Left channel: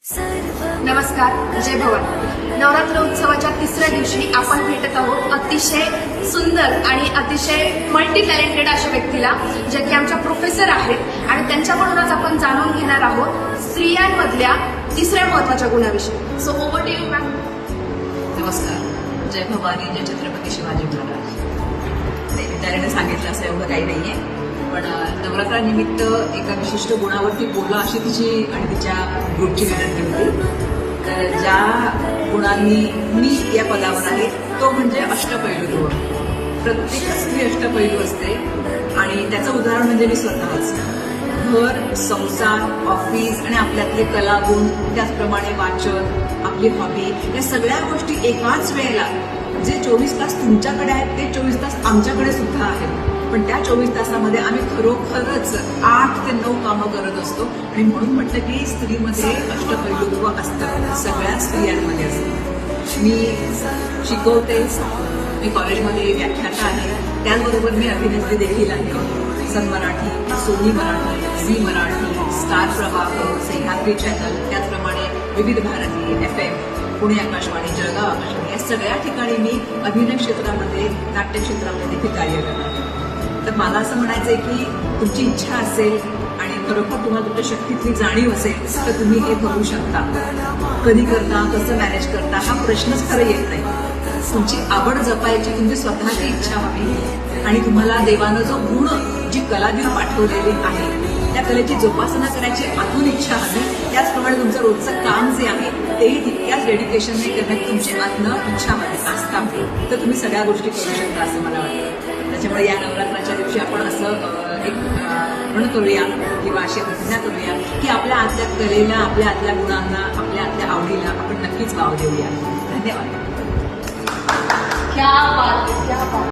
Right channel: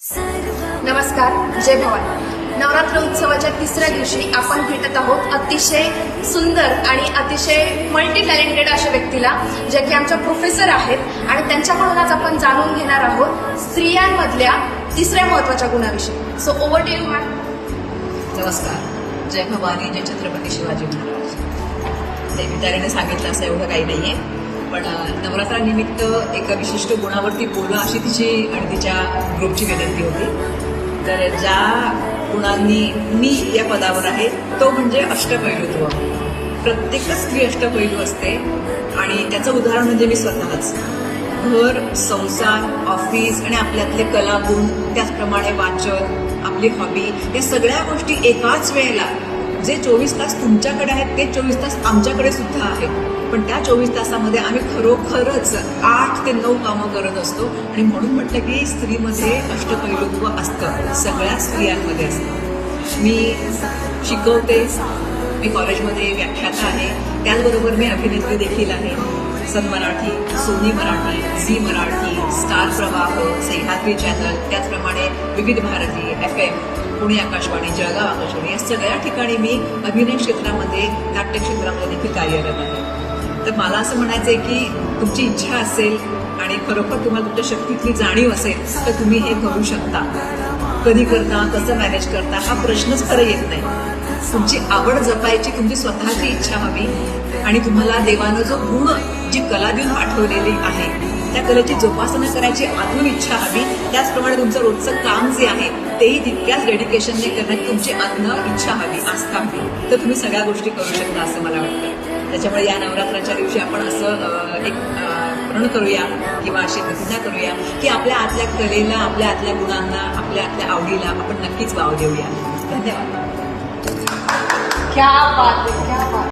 नमस्कार जय भवानी. नवरात्र उत्सवाच्या तिसऱ्या दिवशी आपण भेटत आहोत अतिशय सुंदर आणि अतिशय मल्टी टॅलेंटेड अशा व्यक्तीला जे की आमच्या प्रोफेसर आहेत आणि त्यांच्याकडून आज आपण जाणून घेणार आहोत स्त्रियांमधल्या तिसऱ्या महत्त्वाच्या गुणाविषयी. So over to you ma'am नमस्कार. जय भवानी जय छत्रपती शिवाजी महाराज. त्यांनी सांगितलं असं एवढं काही नाहीये. पण नवरात्रानिमित्त एका विशिष्ट गुणावरती बोला अशी तिची आणि तिच्या ग्रुपची विनंती होती. तर ज्या गुणांनी मी या पदावर आहे तो म्हणजे अष्टपैलुत्व. प्रत्येकच स्त्री अष्टपैलू असते आणि त्याचं उदाहरण म्हणजे मी स्वतःच. घर संसार ऑफिस आणि आपल्यातले कलागुण त्याचप्रमाणे वाचन आपली हॉबी या सगळ्या गोष्टी एकाच वेळेला. जे चोवीस तास तुमच्याकडे आहेत ते चोवीस तास आमच्याकडे सुद्धा आहेत. पण त्या चोवीस तासामध्ये आम्ही खरोखरच आठ ते नऊ कामं करत असतो. आणि म्हणून म्हटलं की स्त्रीमध्ये अष्टपैलुत्व असतं. सगळ्या स्त्रियांमध्ये असतं. मी शिकवते. मी कॉलेजमध्ये व्याख्याता आहे. त्याचबरोबर मी अभिनेत्री देखील आहे. Sun Marathi Sony Marathi Zee Marathi Star Pravah Sahyadri channel त्याचप्रमाणे विविध भारती एफ एम पुणे आकाशवाणी जळगाव आकाशवाणी या सगळ्या ठिकाणी मी अभिनय क्षेत्रामध्ये नाट्य क्षेत्रामध्ये देखील कार्यरत आहे. तर मला असं म्हणायचंय की तुमची इच्छा असेल आणि खरोखर तुम्हाला तुमच्या शक्तीतली जाणीव असेल तर तुम्ही हे करू शकता. कधी करता कसं मॅनेज करता हा प्रश्नच खरं येत नाही. तुमची आवड जपायची तुमची स्वतःची इच्छा हवी आणि तुम्हाला देवानं जो गुण जी कला देऊन पाठवलेली आहे त्या कलेची जोपासना करायची आतून इच्छा हवी. त्याचप्रमाणे तुमचं रोजचं काम जे आहे तेही तितक्याच डेडिकेशनने करण्याची तुमची अन्न इच्छा हवी आस्था हवी. तर तुम्ही सगळ्या गोष्टी करू शकता असं मला वाटतं. त्याच्यामुळे या नवरात्राच्या दिवशी आपण असं एक प्रण करूया किंवा अशी प्रतिज्ञा करूया की आपल्या आतल्या कलेला आपल्या आतल्या गुणांना आपल्या आतल्या आवडीला आपण नक्कीच वाव देऊया. धन्यवाद. क्या बात क्या बात